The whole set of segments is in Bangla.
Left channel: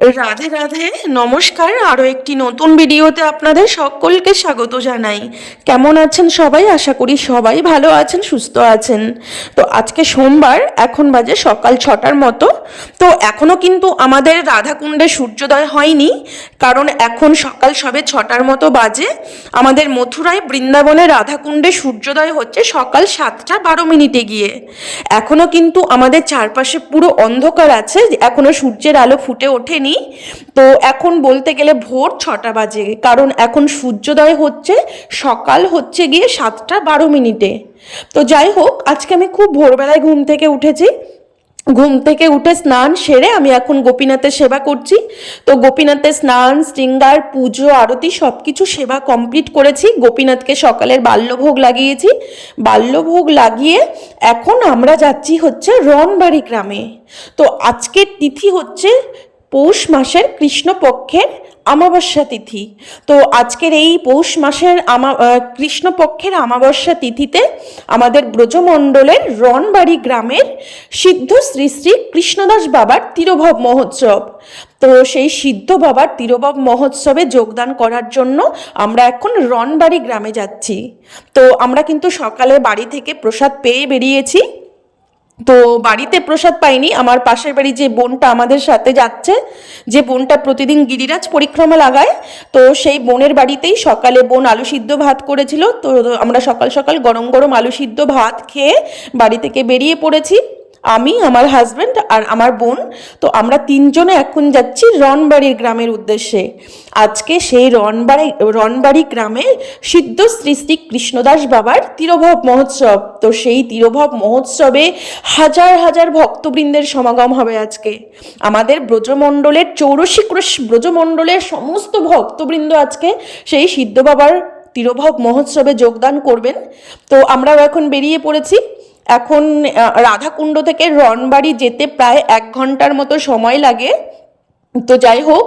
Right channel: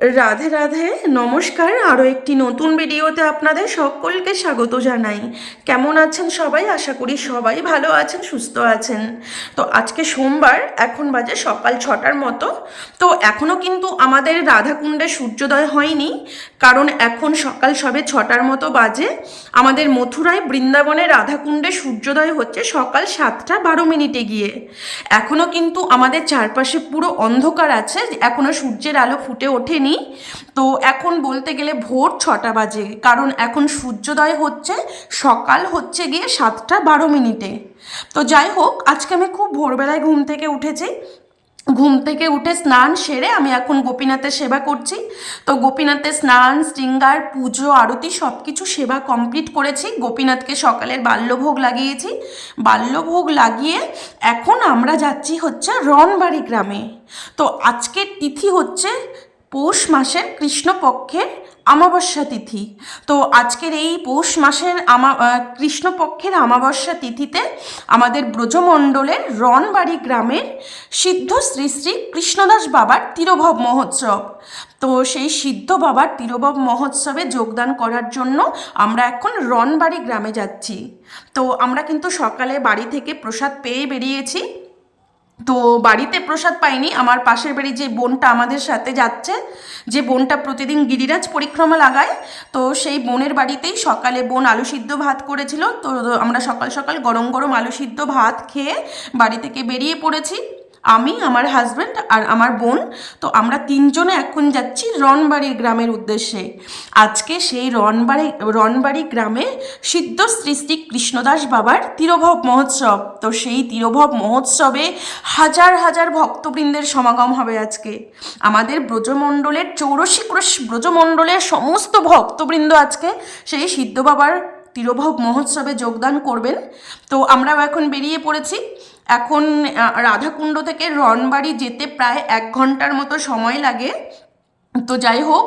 রাধে রাধে, নমস্কার। আরও একটি নতুন ভিডিওতে আপনাদের সকলকে স্বাগত জানাই। কেমন আছেন সবাই? আশা করি সবাই ভালো আছেন, সুস্থ আছেন। তো আজকে সোমবার, এখন বাজে সকাল ছটার মতো। তো এখনও কিন্তু আমাদের রাধাকুণ্ডে সূর্যোদয় হয়নি, কারণ এখন সকাল সবে ছটার মতো বাজে। আমাদের মথুরায় বৃন্দাবনে রাধাকুণ্ডে সূর্যোদয় হচ্ছে সকাল সাতটা বারো মিনিটে গিয়ে। এখনও কিন্তু আমাদের চারপাশে পুরো অন্ধকার আছে এখনও সূর্যের আলো ফুটে ওঠেনি। তো এখন বলতে গেলে ভোর ছটা বাজে, কারণ এখন সূর্যোদয় হচ্ছে, সকাল হচ্ছে গিয়ে সাতটা বারো মিনিটে। তো যাই হোক, আজকে আমি খুব ভোরবেলায় ঘুম থেকে উঠেছি। ঘুম থেকে উঠে স্নান সেরে আমি এখন গোপীনাথের সেবা করছি। তো গোপীনাথের স্নান, শৃঙ্গার, পুজো, আরতি সব কিছু সেবা কমপ্লিট করেছি। গোপীনাথকে সকালের বাল্যভোগ লাগিয়েছি। বাল্যভোগ লাগিয়ে এখন আমরা যাচ্ছি হচ্ছে রনবাড়ি গ্রামে। তো আজকের তিথি হচ্ছে পৌষ মাসের কৃষ্ণপক্ষের আমাবস্যা তিথি। তো আজকের এই পৌষ মাসের আমা কৃষ্ণপক্ষের আমাবস্যা তিথিতে আমাদের ব্রজমণ্ডলের রনবাড়ি গ্রামের সিদ্ধ শ্রী শ্রী কৃষ্ণদাস বাবার তিরোভব মহোৎসব। তো সেই সিদ্ধ বাবার তিরোভব মহোৎসবে যোগদান করার জন্য আমরা এখন রনবাড়ি গ্রামে যাচ্ছি। তো আমরা কিন্তু সকালে বাড়ি থেকে প্রসাদ পেয়ে বেরিয়েছি। তো বাড়িতে প্রসাদ পাইনি, আমার পাশের বাড়ি যে বোনটা আমাদের সাথে যাচ্ছে, যে বোনটা প্রতিদিন গিরিরাজ পরিক্রমা লাগায়, তো সেই বোনের বাড়িতেই সকালে বোন আলু সিদ্ধ ভাত করেছিল, তো আমরা সকাল সকাল গরম গরম আলু সিদ্ধ ভাত খেয়ে বাড়ি থেকে বেরিয়ে পড়েছি। আমি, আমার হাজব্যান্ড আর আমার বোন, তো আমরা তিনজনে এখন যাচ্ছি রনবাড়ি গ্রামের উদ্দেশ্যে। আজকে সেই রনবাড়ি রনবাড়ি গ্রামে সিদ্ধ শ্রী কৃষ্ণদাস বাবার তিরোভব মহোৎসব। তো সেই তিরোভব মহোৎসবে হাজার হাজার ভক্তবৃন্দের সমাগম হবে আজকে। আমাদের ব্রজমণ্ডলের চৌরসী কৃষ- ব্রজমণ্ডলের সমস্ত ভক্তবৃন্দ আজকে সেই সিদ্ধ বাবার তিরোভব মহোৎসবে যোগদান করবেন। তো আমরাও এখন বেরিয়ে পড়েছি। এখন রাধাকুণ্ড থেকে রনবাড়ি যেতে প্রায় এক ঘণ্টার মতো সময় লাগে। তো যাই হোক,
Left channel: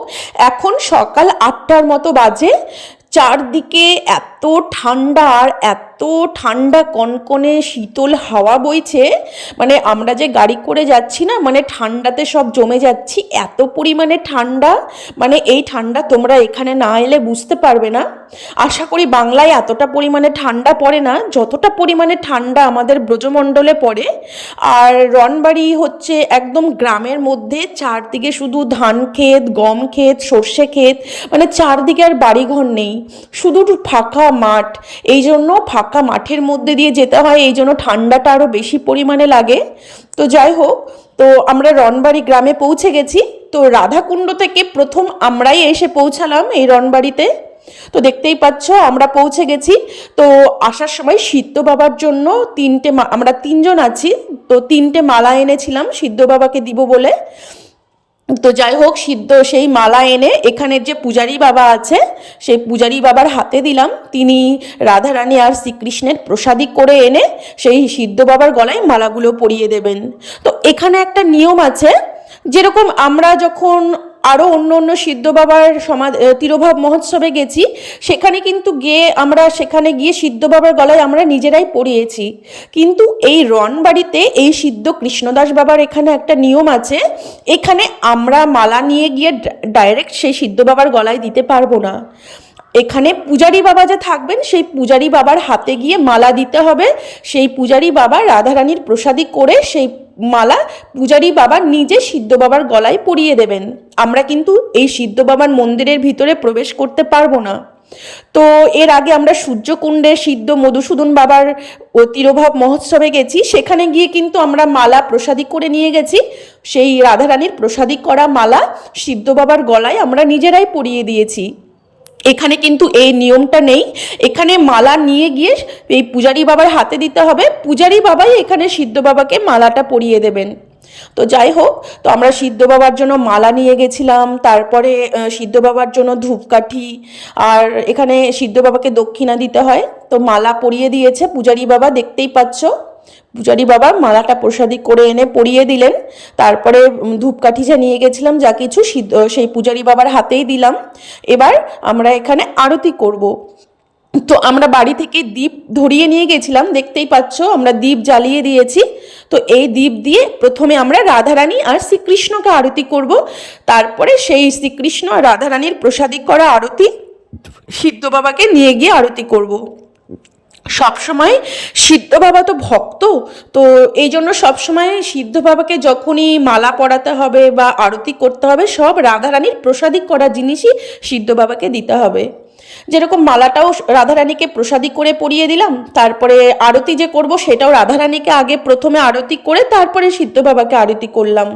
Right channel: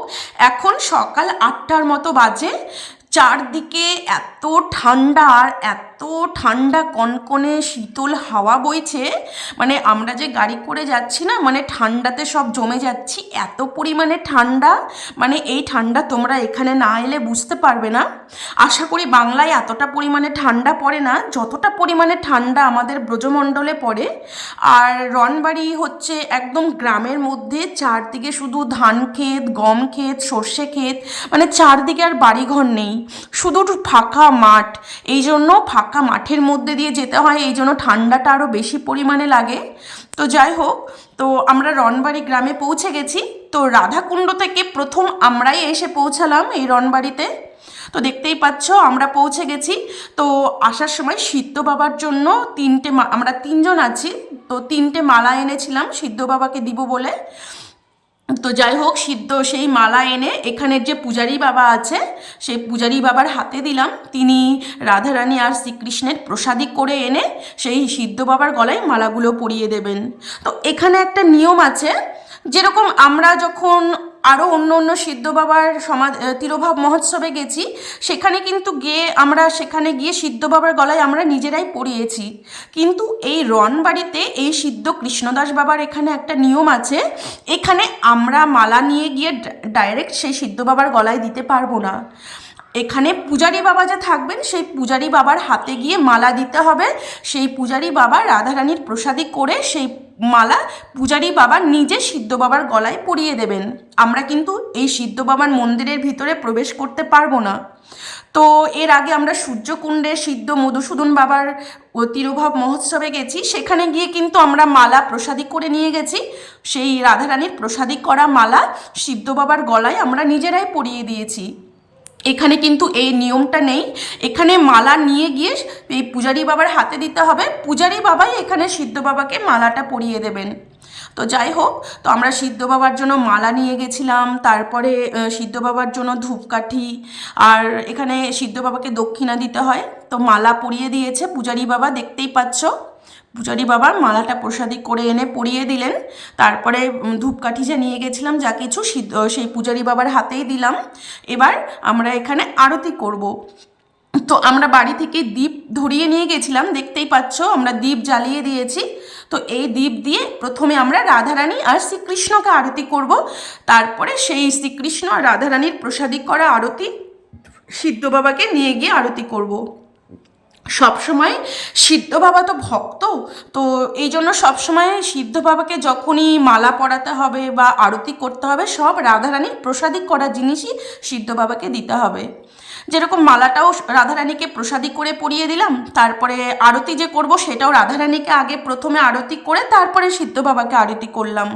এখন সকাল আটটার মতো বাজে। চারদিকে এত ঠান্ডা আর এত ঠান্ডা কনকনে শীতল হাওয়া বইছে। মানে আমরা যে গাড়ি করে যাচ্ছি না মানে ঠান্ডাতে সব জমে যাচ্ছি, এত পরিমাণে ঠান্ডা মানে এই ঠান্ডা তোমরা এখানে না এলে বুঝতে পারবে না। আশা করি বাংলায় এতটা পরিমাণে ঠান্ডা পড়ে না, যতটা পরিমাণে ঠান্ডা আমাদের ব্রজমণ্ডলে পড়ে। আর রনবাড়ি হচ্ছে একদম গ্রামের মধ্যে, চারদিকে শুধু ধান ক্ষেত, গম ক্ষেত, সর্ষে ক্ষেত মানে চারদিকে আর বাড়িঘর নেই। শুধু ফাঁকা মাঠ। এই জন্য ফাঁকা মাঠের মধ্যে দিয়ে যেতে হয়, এই জন্য ঠান্ডাটা আরও বেশি পরিমাণে লাগে। তো যাই হোক, তো আমরা রনবাড়ি গ্রামে পৌঁছে গেছি। তো রাধাকুণ্ড থেকে প্রথম আমরাই এসে পৌঁছালাম এই রনবাড়িতে তো দেখতেই পাচ্ছ, আমরা পৌঁছে গেছি। তো আসার সময় সিদ্ধ বাবার জন্য তিনটে আমরা তিনজন আছি। তো তিনটে মালা এনেছিলাম, সিদ্ধ বাবাকে দিব বলে। তো যাই হোক, সিদ্ধ সেই মালা এনে এখানের যে পূজারী বাবা আছে, সেই পূজারী বাবার হাতে দিলাম। তিনি রাধারানী আর শ্রীকৃষ্ণের প্রসাদী করে এনে সেই সিদ্ধ বাবার গলায় মালাগুলো পরিয়ে দেবেন। তো এখানে একটা নিয়ম আছে, যেরকম আমরা যখন আরও অন্য অন্য সিদ্ধ বাবার সমাধ তিরোভাব মহোৎসবে গেছি। সেখানে কিন্তু গিয়ে আমরা, সেখানে গিয়ে সিদ্ধ বাবার গলায় আমরা নিজেরাই পড়িয়েছি। কিন্তু এই রনবাড়িতে এই সিদ্ধ কৃষ্ণদাস বাবার এখানে একটা নিয়ম আছে, এখানে আমরা মালা নিয়ে গিয়ে ডাইরেক্ট সেই সিদ্ধ বাবার গলায় দিতে পারব না। এখানে পূজারি বাবা যে থাকবেন, সেই পূজারি বাবার হাতে গিয়ে মালা দিতে হবে। সেই পূজারি বাবা রাধারানীর প্রসাদী করে সেই মালা পূজারি বাবা নিজে সিদ্ধ বাবার গলায় পরিয়ে দেবেন। আমরা কিন্তু এই সিদ্ধ বাবার মন্দিরের ভিতরে প্রবেশ করতে পারব না। তো এর আগে আমরা সূর্যকুণ্ডে সিদ্ধ মধুসূদন বাবার তিরোভাব মহোৎসবে গেছি। সেখানে গিয়ে কিন্তু আমরা মালা প্রসাদী করে নিয়ে গেছি। সেই রাধারানীর প্রসাদী করা মালা সিদ্ধ বাবার গলায় আমরা নিজেরাই পরিয়ে দিয়েছি। এখানে কিন্তু এই নিয়মটা নেই। এখানে মালা নিয়ে গিয়ে এই পূজারি বাবার হাতে দিতে হবে। পূজারি বাবাই এখানে সিদ্ধ বাবাকে মালাটা পরিয়ে দেবেন। তো যাই হোক, তো আমরা সিদ্ধ বাবার জন্য মালা নিয়ে গেছিলাম, তারপরে সিদ্ধ বাবার জন্য ধূপকাঠি, আর এখানে সিদ্ধ বাবাকে দক্ষিণা দিতে হয়। তো মালা পরিয়ে দিয়েছে পূজারি বাবা, দেখতেই পাচ্ছ। পূজারি বাবা মালাটা প্রসাদী করে এনে পরিয়ে দিলেন। তারপরে ধূপকাঠি যা নিয়ে গেছিলাম, যা কিছু সেই পূজারি বাবার হাতেই দিলাম। এবার আমরা এখানে আরতি করব। তো আমরা বাড়ি থেকে দ্বীপ ধরিয়ে নিয়ে গেছিলাম, দেখতেই পাচ্ছ আমরা দ্বীপ জ্বালিয়ে দিয়েছি। তো এই দ্বীপ দিয়ে প্রথমে আমরা রাধারানী আর শ্রীকৃষ্ণকে আরতি করব। তারপরে সেই শ্রীকৃষ্ণ আর রাধারানীর প্রসাদিক করা আরতি সিদ্ধ বাবাকে নিয়ে গিয়ে আরতি করব। সবসময় সিদ্ধ বাবা তো ভক্ত, তো এই জন্য সবসময় সিদ্ধ বাবাকে যখনই মালা পরাতে হবে বা আরতি করতে হবে, সব রাধারানীর প্রসাদিক করা জিনিসই সিদ্ধ বাবাকে দিতে হবে। যেরকম মালাটাও রাধারানীকে প্রসাদি করে পরিয়ে দিলাম, তারপরে আরতি যে করব সেটাও রাধারানীকে আগে প্রথমে আরতি করে তারপরে সিদ্ধ বাবাকে আরতি করলাম।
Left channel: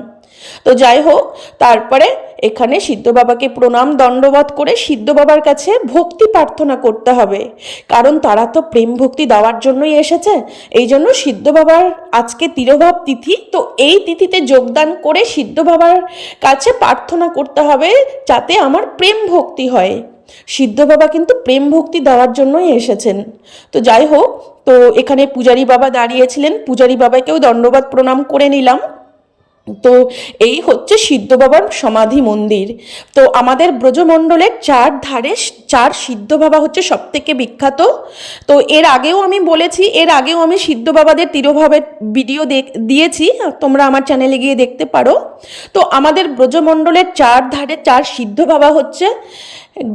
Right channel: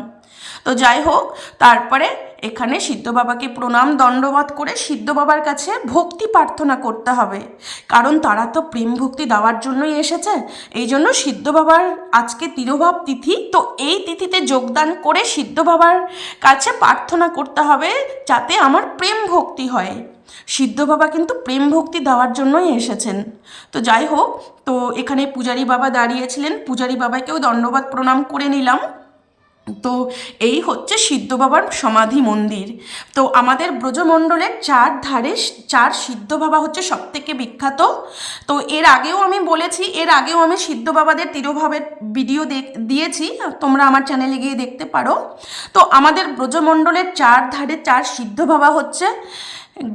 তো যাই হোক, তারপরে এখানে সিদ্ধ বাবাকে প্রণাম, দণ্ডবধ করে সিদ্ধ বাবার কাছে ভক্তি প্রার্থনা করতে হবে। কারণ তারা তো প্রেম ভক্তি দেওয়ার জন্যই এসেছে, এই জন্য সিদ্ধ বাবার আজকে তিরোভাব তিথি, তো এই তিথিতে যোগদান করে সিদ্ধ বাবার কাছে প্রার্থনা করতে হবে যাতে আমার প্রেম ভক্তি হয়। সিদ্ধ বাবা কিন্তু প্রেম ভক্তি দেওয়ার জন্যই এসেছেন। তো যাই হোক, তো এখানে পূজারী বাবা দাঁড়িয়েছিলেন, পূজারী বাবাকেও দণ্ডবাদ প্রণাম করে নিলাম। তো এই হচ্ছে সিদ্ধ বাবার সমাধি মন্দির। তো আমাদের ব্রজমণ্ডলের চার ধারে চার সিদ্ধ বাবা হচ্ছে সব থেকে বিখ্যাত। তো এর আগেও আমি বলেছি, এর আগেও আমি সিদ্ধ বাবাদের তিরোভাবের ভিডিও দিয়েছি, তোমরা আমার চ্যানেলে গিয়ে দেখতে পারো। তো আমাদের ব্রজমণ্ডলের চার ধারে চার সিদ্ধ বাবা হচ্ছে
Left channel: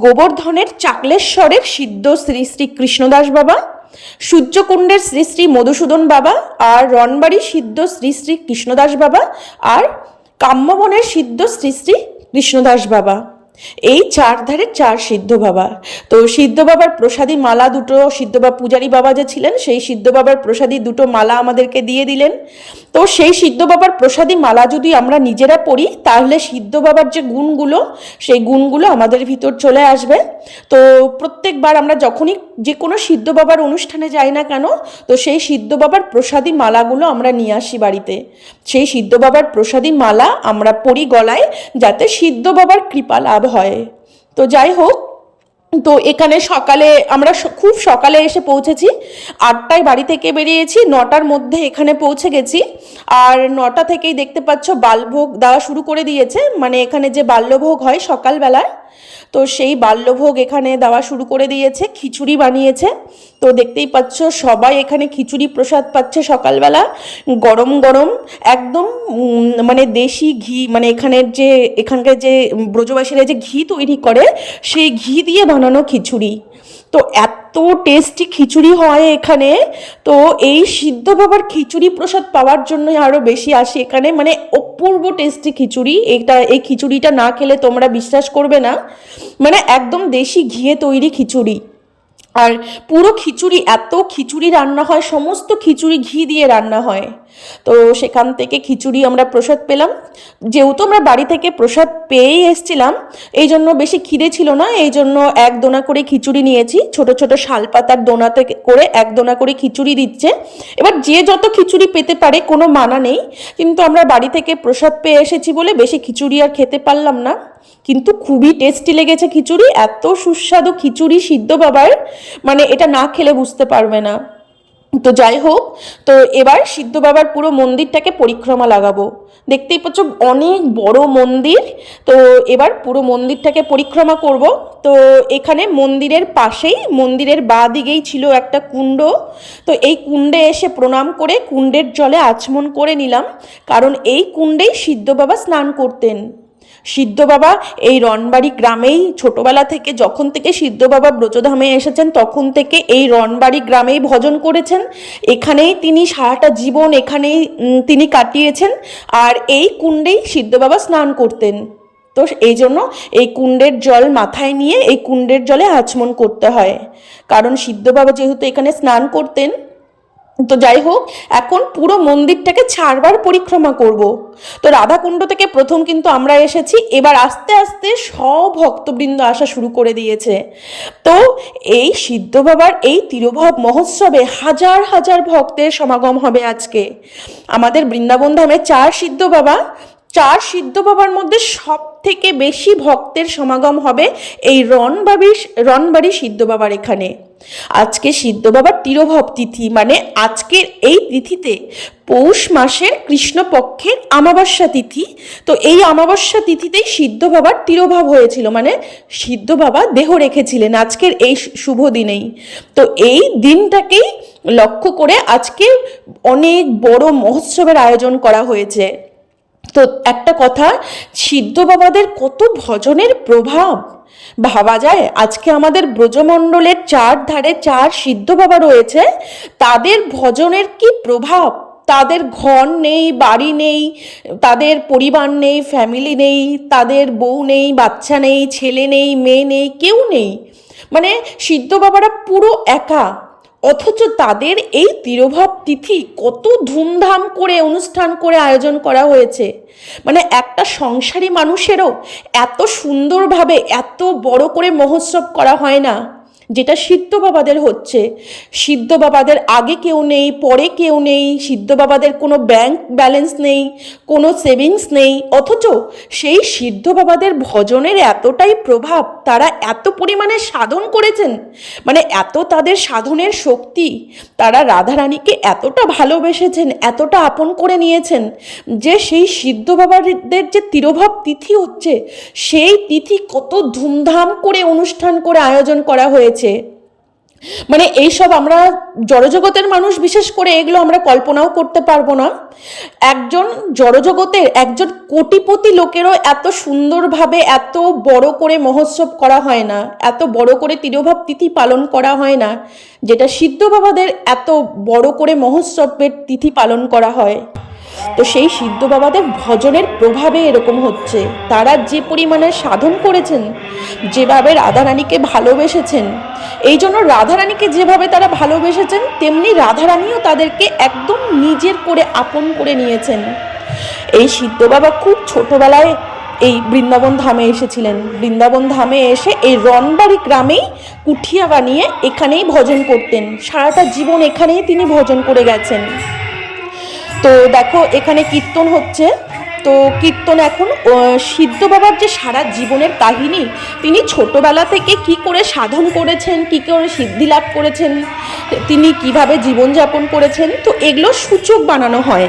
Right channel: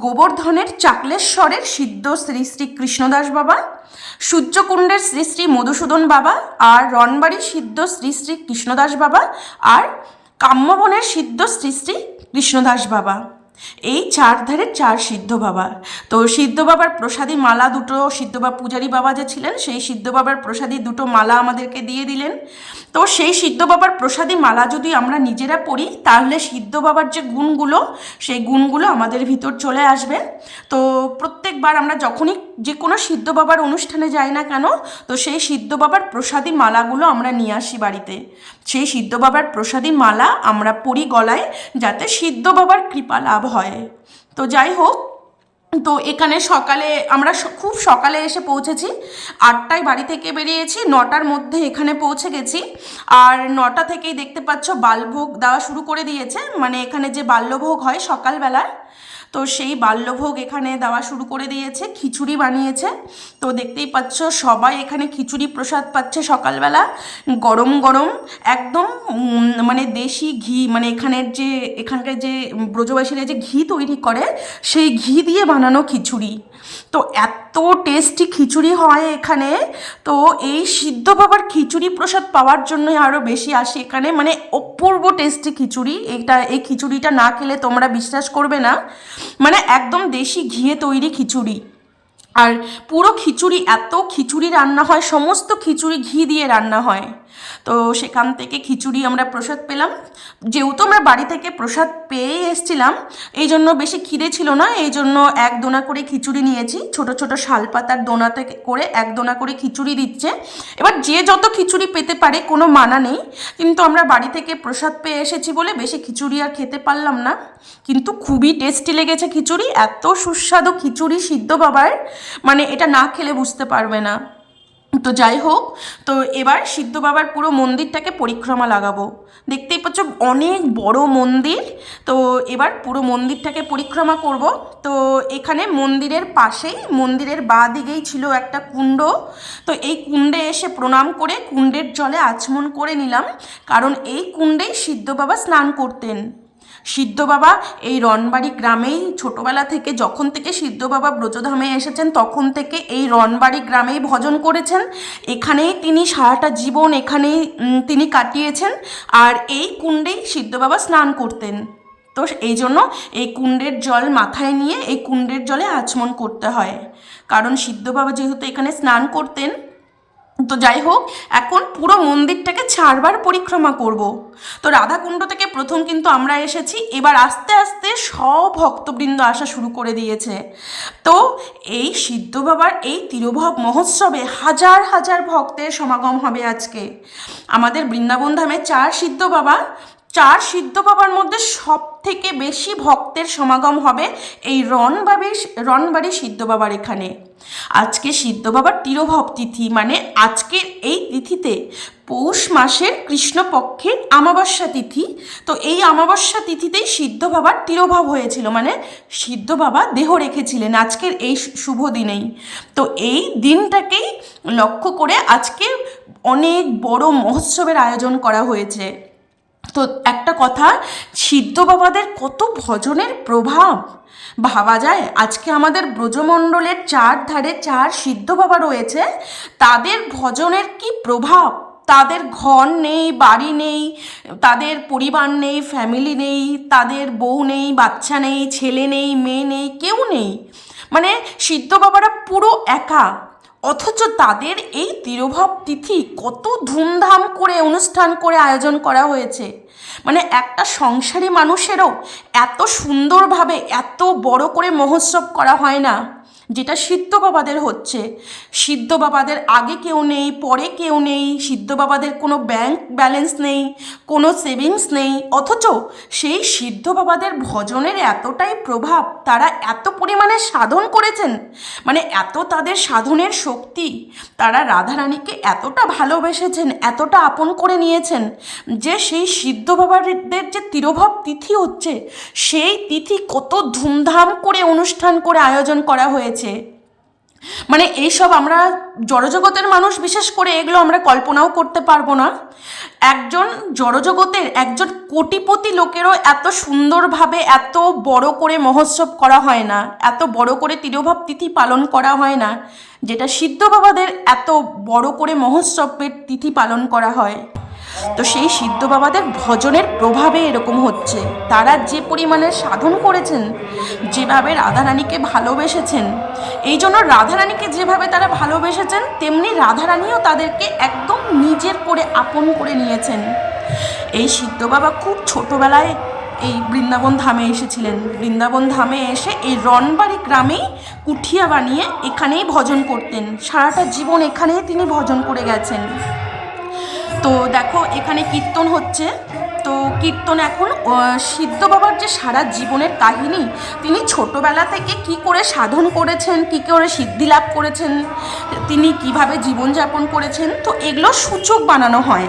গোবর্ধনের চাকলেশ্বরের সিদ্ধ শ্রী শ্রী কৃষ্ণদাস বাবা। সূর্যকুণ্ডের শ্রী শ্রী মধুসূদন বাবা আর রনবাড়ি সিদ্ধ শ্রী শ্রী কৃষ্ণদাস বাবা আর কাম্যবনের সিদ্ধ শ্রী শ্রী কৃষ্ণদাস বাবা। এই চার ধারে চার সিদ্ধ বাবা। তো সিদ্ধ বাবার প্রসাদী মালা দুটো সিদ্ধ বা পূজারী বাবা যে ছিলেন, সেই সিদ্ধ বাবার প্রসাদী দুটো মালা আমাদেরকে দিয়ে দিলেন। তো সেই সিদ্ধ বাবার প্রসাদী মালা যদি আমরা নিজেরা পড়ি, তাহলে সিদ্ধ বাবার যে গুণগুলো, সেই গুণগুলো আমাদের ভিতর চলে আসবে। তো প্রত্যেকবার আমরা যখনই যে কোনো সিদ্ধ বাবার অনুষ্ঠানে যাই না কেন, তো সেই সিদ্ধ বাবার প্রসাদী মালাগুলো আমরা নিয়ে আসি বাড়িতে। সেই সিদ্ধ বাবার প্রসাদী মালা আমরা পরি গলায় যাতে সিদ্ধ বাবার কৃপা লাভ হয়। তো যাই হোক, তো এখানে সকালে আমরা খুব সকালে এসে পৌঁছেছি। আটটায় বাড়ি থেকে বেরিয়েছি, নটার মধ্যে এখানে পৌঁছে গেছি। আর নটা থেকেই দেখতে পাচ্ছ, বালভোগ দেওয়া শুরু করে দিয়েছে। মানে এখানে যে বাল্যভোগ হয় সকালবেলায় তো সেই বাল্যভোগ এখানে দেওয়া শুরু করে দিয়েছে, খিচুড়ি বানিয়েছে। তো দেখতেই পাচ্ছ, সবাই এখানে খিচুড়ি প্রসাদ পাচ্ছে সকালবেলা। গরম গরম, একদম মানে দেশি ঘি মানে এখানের যে, এখানকার যে ব্রজবাসীরা যে ঘি তৈরি করে, সেই ঘি দিয়ে বানানো খিচুড়ি। তো এত টেস্টি খিচুড়ি হয় এখানে। তো এই সিদ্ধ বাবার খিচুড়ি প্রসাদ পাওয়ার জন্যই আরও বেশি আসি এখানে। মানে অপূর্ব টেস্টি খিচুড়ি। এটা, এই খিচুড়িটা না খেলে তোমরা বিশ্বাস করবে না। মানে একদম দেশি ঘিয়ে তৈরি খিচুড়ি। আর পুরো খিচুড়ি, এত খিচুড়ি রান্না হয়, সমস্ত খিচুড়ি ঘি দিয়ে রান্না হয়। তো সেখান থেকে খিচুড়ি আমরা প্রসাদ পেলাম। যেহেতু আমরা বাড়ি থেকে প্রসাদ পেয়েই এসছিলাম, এই জন্য বেশি খিদে ছিল না, এই জন্য এক দোনা করে খিচুড়ি নিয়েছি। ছোট ছোট শাল শালপাতার দোনাতে করে এক দোনা করে খিচুড়ি দিচ্ছে। এবার যে যত খিচুড়ি পেতে পারে কোনো মানা নেই, কিন্তু আমরা বাড়ি থেকে প্রসাদ পেয়ে এসেছি বলে বেশি খিচুড়ি আর খেতে পারলাম না। কিন্তু খুবই টেস্টি লেগেছে খিচুড়ি, এত সুস্বাদু খিচুড়ি সিদ্ধ বাবার মানে এটা না খেলে বুঝতে পারবে না। তো যাই হোক, তো এবার সিদ্ধ বাবার পুরো মন্দিরটাকে পরিক্রমা লাগাবো। দেখতেই পাচ্ছ অনেক বড় মন্দির। তো এবার পুরো মন্দিরটাকে পরিক্রমা করব। তো এখানে মন্দিরের পাশেই, মন্দিরের বা দিকেই ছিল একটা কুণ্ড। তো এই কুণ্ডে এসে প্রণাম করে, কুণ্ডের জলে আচমন করে নিলাম। কারণ এই কুণ্ডেই সিদ্ধ বাবা স্নান করতেন। সিদ্ধ বাবা এই রনবাড়ি গ্রামেই ছোটবেলা থেকে যখন থেকে সিদ্ধ বাবা ব্রজধামে এসেছেন, তখন থেকে এই রনবাড়ি গ্রামেই ভজন করেছেন। এখানেই তিনি সারাটা জীবন এখানেই তিনি কাটিয়েছেন আর এই কুণ্ডেই সিদ্ধ বাবা স্নান করতেন। তো এই জন্য এই কুণ্ডের জল মাথায় নিয়ে এই কুণ্ডের জলে আচমন করতে হয়। কারণ সিদ্ধ বাবা যেহেতু এখানে স্নান করতেন তো যাই হোক, এখন পুরো মন্দিরটাকে ছাড়বার পরিক্রমা করব। তো রাধাকুণ্ড থেকে প্রথম কিন্তু আমরা এসেছি, এবার আস্তে আস্তে সব ভক্তবৃন্দ আসা শুরু করে দিয়েছে। তো এই সিদ্ধ বাবার এই তিরোভব মহোৎসবে হাজার হাজার ভক্তের সমাগম হবে আজকে। আমাদের বৃন্দাবন ধামে চার সিদ্ধ বাবা চার সিদ্ধ বাবার মধ্যে সব থেকে বেশি ভক্তের সমাগম হবে এই রনবাড়ি রনবাড়ি সিদ্ধ বাবার এখানে। আজকে সিদ্ধ বাবার তিরোভব তিথি মানে আজকের এই তিথিতে পৌষ মাসের কৃষ্ণপক্ষের আমাবস্যা তিথি। তো এই আমাবস্যা তিথিতেই সিদ্ধ বাবার তিরোভাব হয়েছিল মানে সিদ্ধ বাবা দেহ রেখেছিলেন আজকের এই শুভ দিনেই। তো এই দিনটাকেই লক্ষ্য করে আজকে অনেক বড় মহোৎসবের আয়োজন করা হয়েছে। তো একটা কথা, সিদ্ধ বাবাদের কত ভজনের প্রভাব? ভাবা যায়, আজকে আমাদের ব্রজমণ্ডলের চার ধারে চার সিদ্ধ বাবা রয়েছে, তাদের ভজনের কি প্রভাব? তাদের ঘর নেই, বাড়ি নেই, তাদের পরিবার নেই ফ্যামিলি নেই, তাদের বউ নেই, বাচ্চা নেই, ছেলে নেই, মেয়ে নেই, কেউ নেই। মানে সিদ্ধ বাবারা পুরো একা। অথচ তাদের এই তিরোভাব তিথি কত ধুমধাম করে অনুষ্ঠান করে আয়োজন করা হয়েছে। মানে একটা সংসারী মানুষেরও এত সুন্দরভাবে এত বড় করে মহোৎসব করা হয় না। যেটা সিদ্ধ বাবাদের হচ্ছে। সিদ্ধ বাবাদের আগে কেউ নেই, পরে কেউ নেই, সিদ্ধ বাবাদের কোনো ব্যাংক ব্যালেন্স নেই, কোনো সেভিংস নেই, অথচ সেই সিদ্ধ বাবাদের ভজনের এতটাই প্রভাব, তারা এত পরিমাণে সাধন করেছেন মানে এত তাদের সাধনের শক্তি, তারা রাধারানীকে এতটা ভালোবেসেছেন, এতটা আপন করে নিয়েছেন, যে সেই সিদ্ধ বাবাদের যে তিরোভাব তিথি হচ্ছে, সেই তিথি কত ধুমধাম করে অনুষ্ঠান করে আয়োজন করা হয়েছে। মানে এইসব আমরা জড়জগতের মানুষ, বিশেষ করে এগুলো আমরা কল্পনাও করতে পারব না। একজন জড়জগতের, একজন কোটিপতি লোকেরও এত সুন্দরভাবে এত বড় করে মহোৎসব করা হয় না, এত বড় করে তিরোভাব তিথি পালন করা হয় না, যেটা সিদ্ধ বাবাদের এত বড় করে মহোৎসবের তিথি পালন করা হয়। তো সেই সিদ্ধ বাবাদের ভজনের প্রভাবে এরকম হচ্ছে। তারা যে পরিমাণে সাধন করেছেন, যেভাবে রাধারানীকে ভালোবেসেছেন, এই জন্য রাধারানীকে যেভাবে তারা ভালোবেসেছেন, তেমনি রাধারানীও তাদেরকে একদম নিজের করে আপন করে নিয়েছেন। এই সিদ্ধ বাবা খুব ছোটবেলায় এই বৃন্দাবন ধামে এসেছিলেন। বৃন্দাবন ধামে এসে এই রনবাড়ি গ্রামেই কুঠিয়া বানিয়ে এখানেই ভজন করতেন। সারাটা জীবন এখানেই তিনি ভজন করে গেছেন। তো দেখো, এখানে কীর্তন হচ্ছে। তো কীর্তন এখন সিদ্ধ বাবার যে সারা জীবনের কাহিনী, তিনি ছোটবেলা থেকে কি করে সাধন করেছেন, কি করে সিদ্ধি লাভ করেছেন, তিনি কীভাবে জীবনযাপন করেছেন, তো এগুলো সূচক বানানো হয়।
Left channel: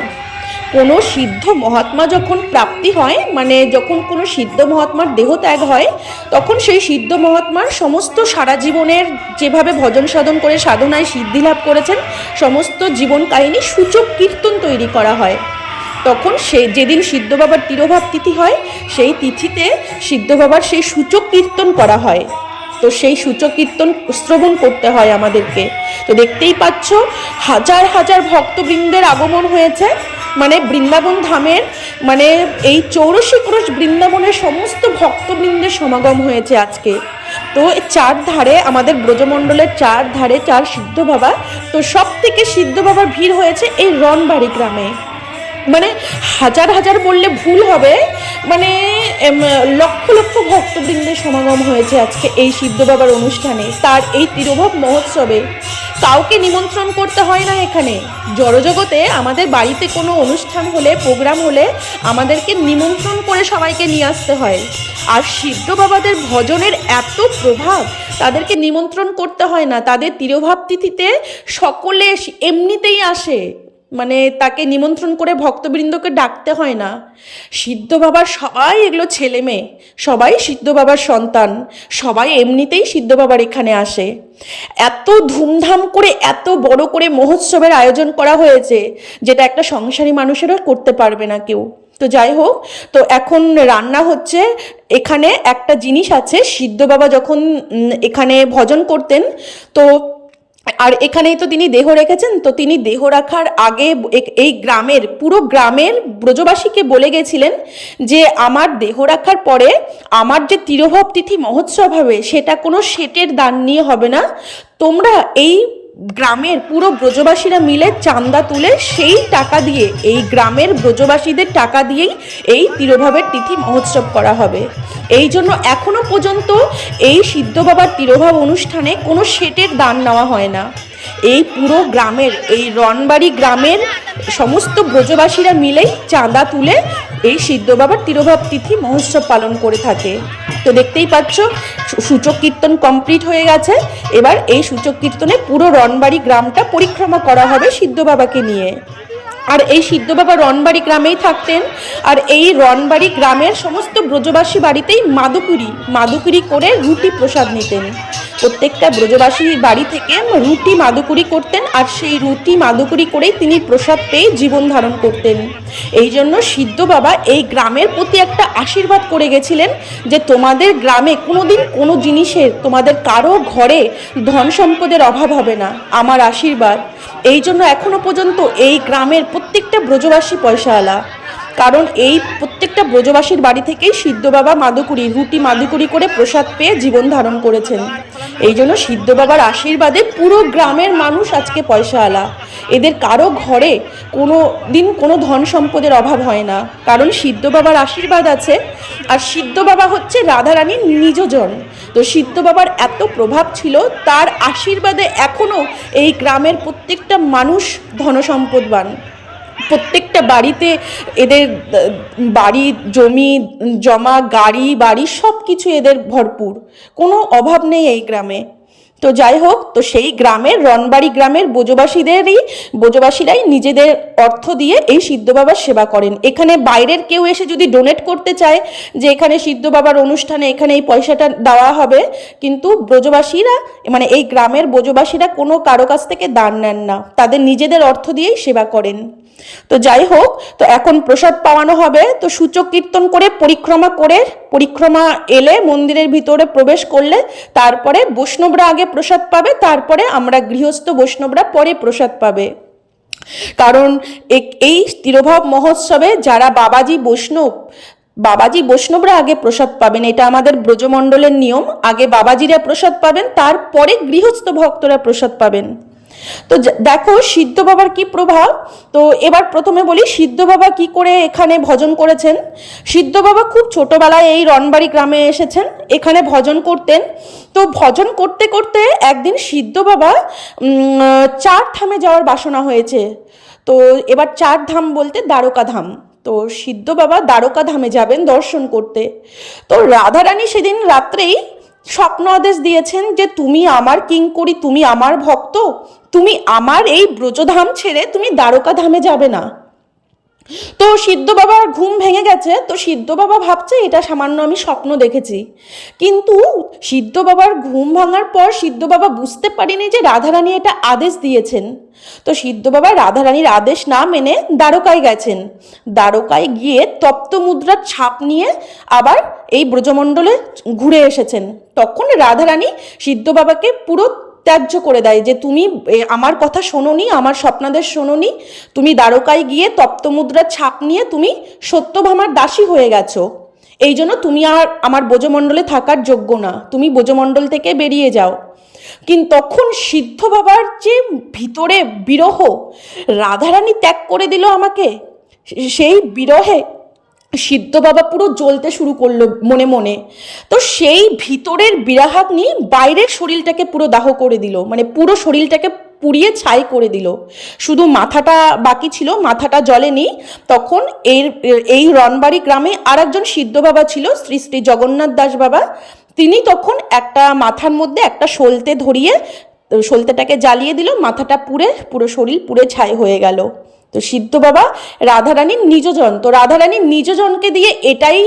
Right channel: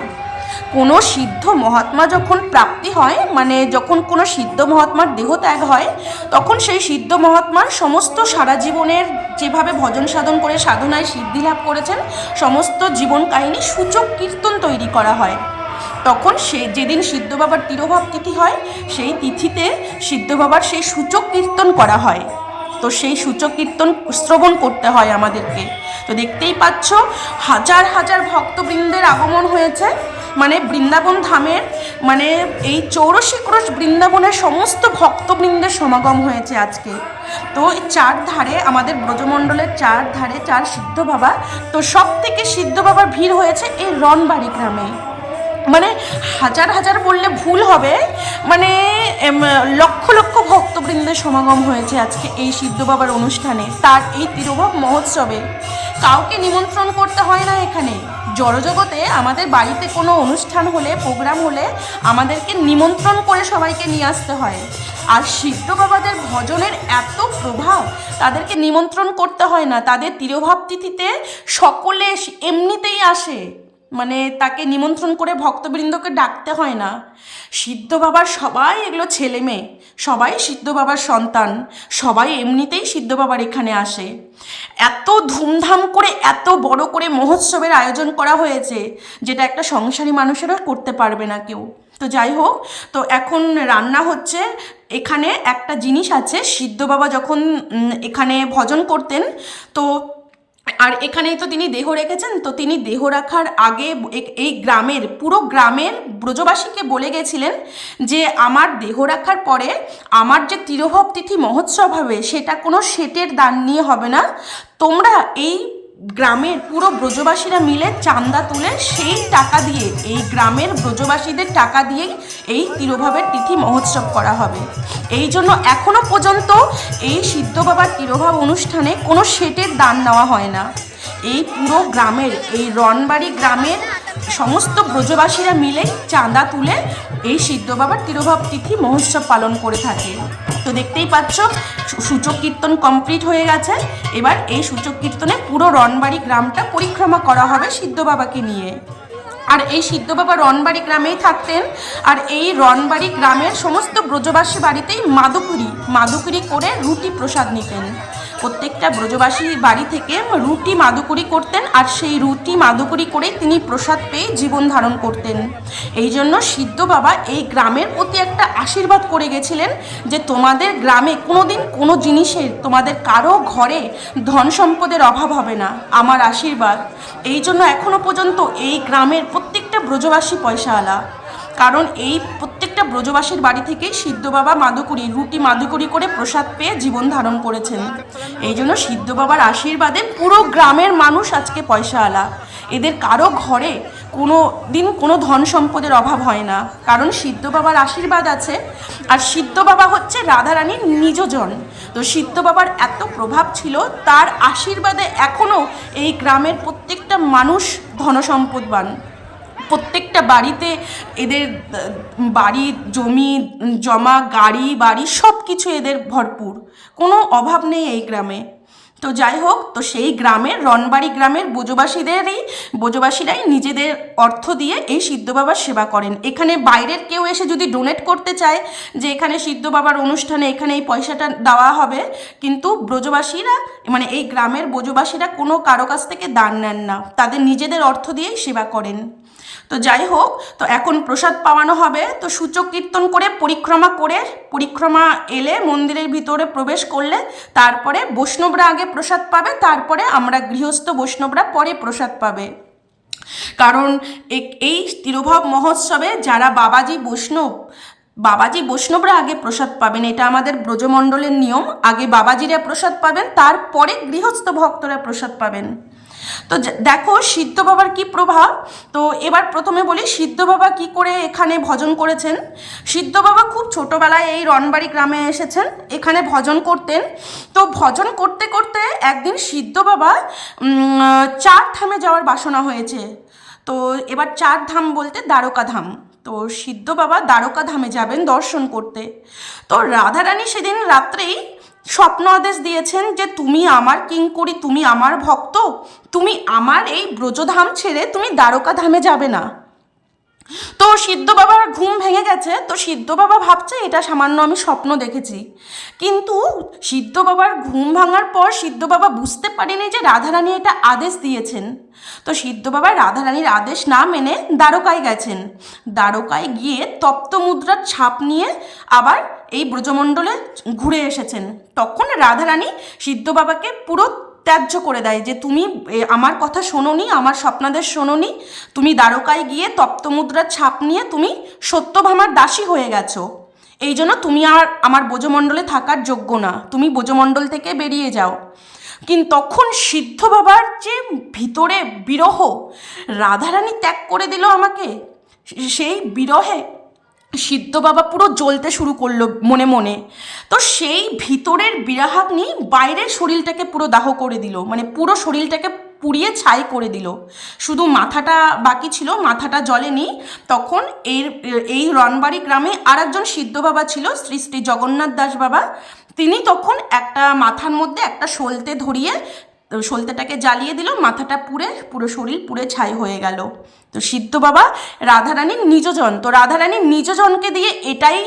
কোনো সিদ্ধ মহাত্মা যখন প্রাপ্তি হয় মানে যখন কোনো সিদ্ধ মহাত্মার দেহ ত্যাগ হয়, তখন সেই সিদ্ধ মহাত্মার সমস্ত সারা জীবনের যেভাবে ভজন সাধন করে, সাধনায় সিদ্ধি লাভ করেছেন, সমস্ত জীবন কাহিনী সূচক কীর্তন তৈরি করা হয়। তখন সে, যেদিন সিদ্ধ বাবার তিরোভাব তিথি হয়, সেই তিথিতে সিদ্ধ বাবার সেই সূচক কীর্তন করা হয়। তো সেই সূচক কীর্তন শ্রবণ করতে হয় আমাদেরকে। তো দেখতেই পাচ্ছ, হাজার হাজার ভক্তবৃন্দের আগমন হয়েছে। মানে বৃন্দাবন ধামের মানে এই চৌরশি ক্রোশ বৃন্দাবনের সমস্ত ভক্তবৃন্দের সমাগম হয়েছে আজকে। তো চার ধারে আমাদের ব্রজমণ্ডলের চার ধারে চার সিদ্ধ বাবা, তো সব থেকে সিদ্ধ বাবার ভিড় হয়েছে এই রনবাড়ি গ্রামে। মানে হাজার হাজার বললে ভুল হবে মানে লক্ষ লক্ষ ভক্তবৃন্দের সমাগম হয়েছে আজকে এই সিদ্ধ বাবার অনুষ্ঠানে, তার এই তিরোভব মহোৎসবে। কাউকে নিমন্ত্রণ করতে হয় না এখানে। জড়জগতে আমাদের বাড়িতে কোনো অনুষ্ঠান হলে, প্রোগ্রাম হলে আমাদেরকে নিমন্ত্রণ করে সবাইকে নিয়ে আসতে হয়। আর সিদ্ধ বাবাদের ভজনের এত প্রভাব, তাদেরকে নিমন্ত্রণ করতে হয় না। তাদের তিরোভাব তিথিতে সকলে এমনিতেই আসে। মানে তাকে নিমন্ত্রণ করে ভক্তবৃন্দকে ডাকতে হয় না। সিদ্ধ বাবার সবাই এগুলো ছেলে মেয়ে সবাই সিদ্ধ বাবার সন্তান, সবাই এমনিতেই সিদ্ধ বাবার এখানে আসে। এত ধুমধাম করে, এত বড় করে মহোৎসবের আয়োজন করা হয়েছে, যেটা একটা সংসারী মানুষেরও করতে পারবে না কেউ। তো যাই হোক, তো এখন রান্না হচ্ছে, এখানে একটা জিনিস আছে, সিদ্ধ বাবা যখন এখানে ভজন করতেন, তো আর এখানেই তো তিনি দেহ রেখেছেন, তো তিনি দেহ রাখার আগে এই গ্রামের, পুরো গ্রামের ব্রজবাসীকে বলে গেছিলেন যে, আমার দেহ রাখার পরে আমার যে তিরোভব তিথি মহোৎসব হবে, সেটা কোনো সেটের দান নিয়ে হবে না। তোমরা এই গ্রামের পুরো ব্রজবাসীরা মিলে চান্দা তুলে সেই টাকা দিয়ে, এই গ্রামের ব্রজবাসীদের টাকা দিয়েই এই তিরোভাবের তিথি মহোৎসব করা হবে। এই জন্য এখনও পর্যন্ত এই সিদ্ধ বাবার তিরোভাব অনুষ্ঠানে কোনো সেটের দান নেওয়া হয় না। এই পুরো গ্রামের, এই রনবাড়ি গ্রামের সমস্ত ব্রজবাসীরা মিলেই চাঁদা তুলে এই সিদ্ধ বাবার তিরোভাব তিথি মহোৎসব পালন করে থাকে। তো দেখতেই পাচ্ছ সূচক কীর্তন কমপ্লিট হয়ে গেছে। এবার এই সূচক কীর্তনে পুরো রনবাড়ি গ্রামটা পরিক্রমা করা হবে সিদ্ধ বাবাকে নিয়ে। আর এই সিদ্ধ বাবা রনবাড়ি গ্রামেই থাকতেন। আর এই রনবাড়ি গ্রামের সমস্ত ব্রজবাসী বাড়িতেই মাদুকুরি মাদুকুরি করে রুটি প্রসাদ নিতেন। প্রত্যেকটা ব্রজবাসীর বাড়ি থেকে রুটি মাদুকুরি করতেন আর সেই রুটি মাদুকুরি করেই তিনি প্রসাদ পেয়ে জীবন ধারণ করতেন। এই জন্য সিদ্ধ বাবা এই গ্রামের প্রতি একটা আশীর্বাদ করে গেছিলেন যে তোমাদের গ্রামে কোনোদিন কোনো জিনিসের, তোমাদের কারও ঘরে ধন সম্পদের অভাব হবে না। আমার আশীর্বাদ। এই জন্য এখনও পর্যন্ত এই গ্রামের প্রত্যেকটা ব্রজবাসী পয়সাওয়ালা কারণ এই প্রত্যেকটা ব্রজবাসীর বাড়ি থেকেই সিদ্ধ বাবা মাদুকুরি, রুটি মাদুকুরি করে প্রসাদ পেয়ে জীবন ধারণ করেছেন। এই জন্য সিদ্ধ বাবার আশীর্বাদে পুরো গ্রামের মানুষ আজকে পয়সাওয়ালা। এদের কারও ঘরে কোনো দিন কোনো ধন সম্পদের অভাব হয় না। কারণ সিদ্ধ বাবার আশীর্বাদ আছে আর সিদ্ধ বাবা হচ্ছে রাধারানীর নিজজন। তো সিদ্ধ বাবার এত প্রভাব ছিল, তার আশীর্বাদে এখনও এই গ্রামের প্রত্যেকটা মানুষ ধনসম্পদবান। প্রত্যেকটা বাড়িতে এদের, বাড়ি, জমি, জমা, গাড়ি, বাড়ি সব কিছু এদের ভরপুর। কোনো অভাব নেই এই গ্রামে। তো যাই হোক, তো সেই গ্রামের রনবাড়ি গ্রামের বোজবাসীদেরই, বোজবাসীরাই নিজেদের অর্থ দিয়ে এই সিদ্ধ বাবার সেবা করেন। এখানে বাইরের কেউ এসে যদি ডোনেট করতে চায়, যে এখানে সিদ্ধ বাবার অনুষ্ঠানে এখানে এই পয়সাটা দেওয়া হবে, কিন্তু ব্রজবাসীরা মানে এই গ্রামের বোজবাসীরা কোনো কারও কাছ থেকে দান নেন না। তাদের নিজেদের অর্থ দিয়েই সেবা করেন। তো যাই হোক, তো এখন প্রসাদ পাওয়ানো হবে। তো সূচক কীর্তন করে পরিক্রমা করে, পরিক্রমা এলে মন্দিরের ভিতরে প্রবেশ করলে, তারপরে বৈষ্ণবরা আগে প্রসাদ পাবে, তারপরে আমরা গৃহস্থ বৈষ্ণবরা পরে প্রসাদ পাবে। কারণ এই তিরোভাব মহোৎসবে যারা বাবাজি বৈষ্ণব, বাবাজি বৈষ্ণবরা আগে প্রসাদ পাবেন, এটা আমাদের ব্রজমণ্ডলের নিয়ম। আগে বাবাজিরা প্রসাদ পাবেন, তারপরে গৃহস্থ ভক্তরা প্রসাদ পাবেন। তো দেখো সিদ্ধ বাবার কি প্রভাব? তো এবার প্রথমে বলি, সিদ্ধ বাবা কি করে এখানে ভজন করেছেন? সিদ্ধ বাবা খুব ছোটবেলায় এই রনবাড়ি গ্রামে এসেছেন, এখানে ভজন করতেন। তো ভজন করতে করতে একদিন সিদ্ধ বাবা চার ধামে যাওয়ার বাসনা হয়েছে। তো এবার চার ধাম বলতে দ্বারকা ধাম। তো সিদ্ধ বাবা দ্বারকা ধামে যাবেন দর্শন করতে। তো রাধারানী সেদিন রাত্রেই স্বপ্ন আদেশ দিয়েছেন যে তুমি আমার কিঙ্করি তুমি আমার ভক্ত, তুমি আমার এই ব্রজধাম ছেড়ে তুমি দ্বারকা ধামে যাবে না। তো সিদ্ধ বাবার ঘুম ভেঙে গেছে, তো সিদ্ধ বাবা ভাবছে এটা সামান্য আমি স্বপ্ন দেখেছি। কিন্তু সিদ্ধ বাবার ঘুম ভাঙার পর সিদ্ধ বাবা বুঝতে পারেনি যে রাধারানী এটা আদেশ দিয়েছেন। তো সিদ্ধ বাবা রাধারানীর আদেশ না মেনে দ্বারকায় গেছেন। দ্বারকায় গিয়ে তপ্ত মুদ্রার ছাপ নিয়ে আবার এই ব্রজমণ্ডলে ঘুরে এসেছেন। তখন রাধারানী সিদ্ধ বাবাকে পুরো ত্যায্য করে দেয় যে, তুমি আমার কথা শোনোনি, আমার স্বপ্নাদের শোনোনি। তুমি দ্বারকায় গিয়ে তপ্তমুদ্রার ছাপ নিয়ে তুমি সত্যভামার দাসী হয়ে গেছো। এই জন্য তুমি আর, আমার বোজমণ্ডলে থাকার যোগ্য না। তুমি বোজমণ্ডল থেকে বেরিয়ে যাও। কিন্তু তখন সিদ্ধ বাবার যে ভিতরে বিরহ, রাধারানী ত্যাগ করে দিল আমাকে। সেই বিরহে সিদ্ধ বাবা পুরো জ্বলতে শুরু করল মনে মনে। তো সেই ভিতরের বিরাহাগ্নি বাইরের শরীরটাকে পুরো দাহ করে দিল। মানে পুরো শরীরটাকে পুড়িয়ে ছাই করে দিল। শুধু মাথাটা বাকি ছিল, মাথাটা জ্বলেনি তখন এর, এই রনবাড়ি গ্রামে আর একজন সিদ্ধ বাবা ছিল, শ্রী শ্রী জগন্নাথ দাস বাবা। তিনি তখন একটা মাথার মধ্যে একটা সলতে ধরিয়ে সলতেটাকে জ্বালিয়ে দিল। মাথাটা পুড়ে, পুরো শরীর পুড়ে ছাই হয়ে গেল। তো সিদ্ধ বাবা রাধারানীর নিজজন, তো রাধারানীর নিজজনকে দিয়ে এটাই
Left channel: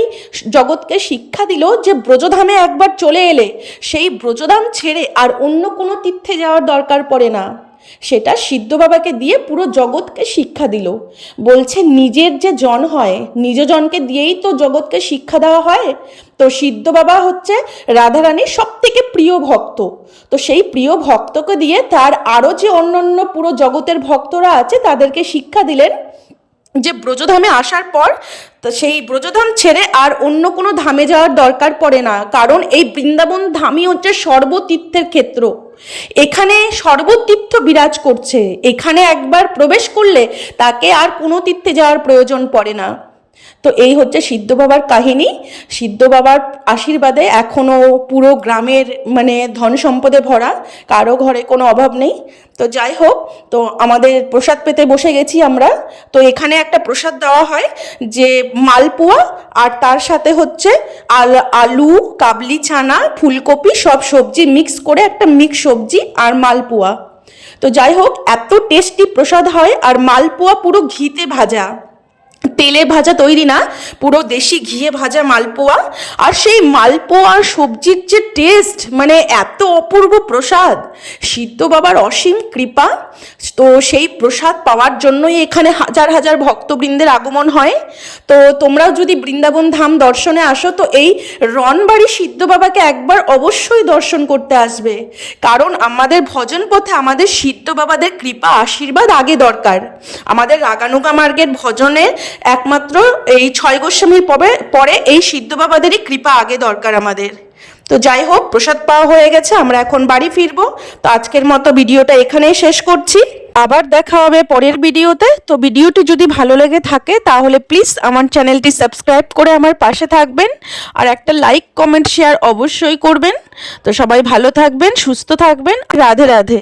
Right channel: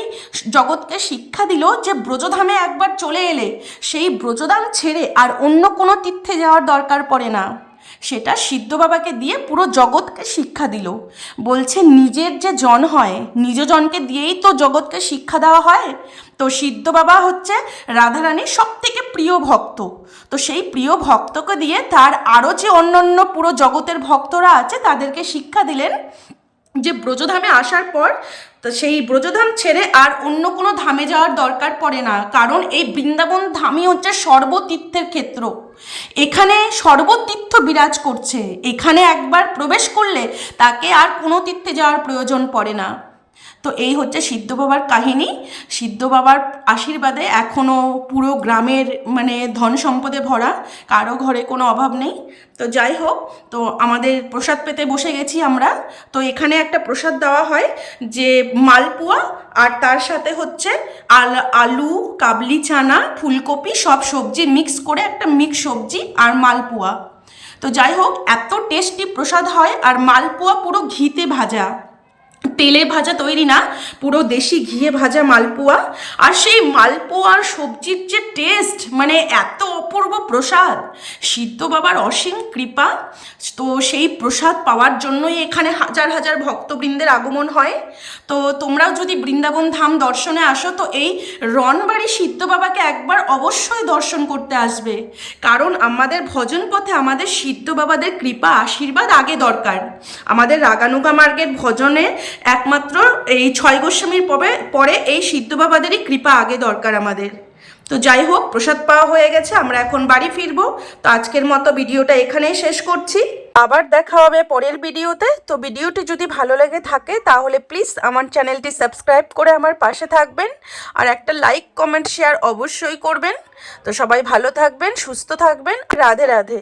জগৎকে শিক্ষা দিল যে ব্রজধামে একবার চলে এলে সেই ব্রজধাম ছেড়ে আর অন্য কোনো তীর্থে যাওয়ার দরকার পড়ে না। সেটা সিদ্ধ বাবাকে দিয়ে পুরো জগৎকে শিক্ষা দিল। বলছে, নিজের যে জন হয় নিজজনকে দিয়েই তো জগৎকে শিক্ষা দেওয়া হয়। তো সিদ্ধ বাবা হচ্ছে রাধারানীর সব থেকে প্রিয় ভক্ত। তো সেই প্রিয় ভক্তকে দিয়ে তার আরও যে অন্যান্য পুরো জগতের ভক্তরা আছে, তাদেরকে শিক্ষা দিলেন যে ব্রজধামে আসার পর সেই ব্রজধাম ছেড়ে আর অন্য কোনো ধামে যাওয়ার দরকার পড়ে না। কারণ এই বৃন্দাবন ধামই হচ্ছে সর্বতীর্থের ক্ষেত্র। এখানে সর্বতীর্থ বিরাজ করছে। এখানে একবার প্রবেশ করলে তাকে আর কোনো তীর্থে যাওয়ার প্রয়োজন পড়ে না। তো এই হচ্ছে সিদ্ধ বাবার কাহিনী। সিদ্ধ বাবার আশীর্বাদে এখনও পুরো গ্রামের মানে ধন সম্পদে ভরা, কারও ঘরে কোনো অভাব নেই। তো যাই হোক, তো আমাদের প্রসাদ পেতে বসে গেছি আমরা। তো এখানে একটা প্রসাদ দেওয়া হয় যে মালপোয়া আর তার সাথে হচ্ছে আল, আলু, কাবলি, চানা, ফুলকপি সব সবজি মিক্স করে একটা মিক্স সবজি আর মালপোয়া। তো যাই হোক, এত টেস্টি প্রসাদ হয় আর মালপোয়া পুরো ঘিতে ভাজা। তেলে ভাজা তৈরি না, পুরো দেশি ঘিয়ে ভাজা মালপোয়া। আর সেই মালপোয়ার সবজির যে টেস্ট মানে এত অপূর্ব প্রসাদ। সিদ্ধ বাবার অসীম কৃপা। তো সেই প্রসাদ পাওয়ার জন্যই এখানে হাজার হাজার ভক্তবৃন্দের আগমন হয়। তো তোমরাও যদি বৃন্দাবন ধাম দর্শনে আসো, তো এই রনবাড়ি সিদ্ধ বাবাকে একবার অবশ্যই দর্শন করতে আসবে। কারণ আমাদের ভজন পথে আমাদের সিদ্ধ বাবাদের কৃপা, আশীর্বাদ আগে দরকার। আমাদের রাগানুগা মার্গের ভজনে একমাত্র এই ছয় গোস্বামীর পরে পরে এই সিদ্ধ বাবাদেরই কৃপা আগে দরকার আমাদের। তো যাই হোক, প্রসাদ পাওয়া হয়ে গেছে, আমরা এখন বাড়ি ফিরবো। তো আজকের মতো ভিডিওটা এখানেই শেষ করছি। আবার দেখা হবে পরের ভিডিওতে। তো ভিডিওটি যদি ভালো লাগে থাকে, তাহলে প্লিজ আমার চ্যানেলটি সাবস্ক্রাইব করে আমার পাশে থাকবেন। আর একটা লাইক, কমেন্ট, শেয়ার অবশ্যই করবেন। তো সবাই ভালো থাকবেন, সুস্থ থাকবেন। রাধে রাধে।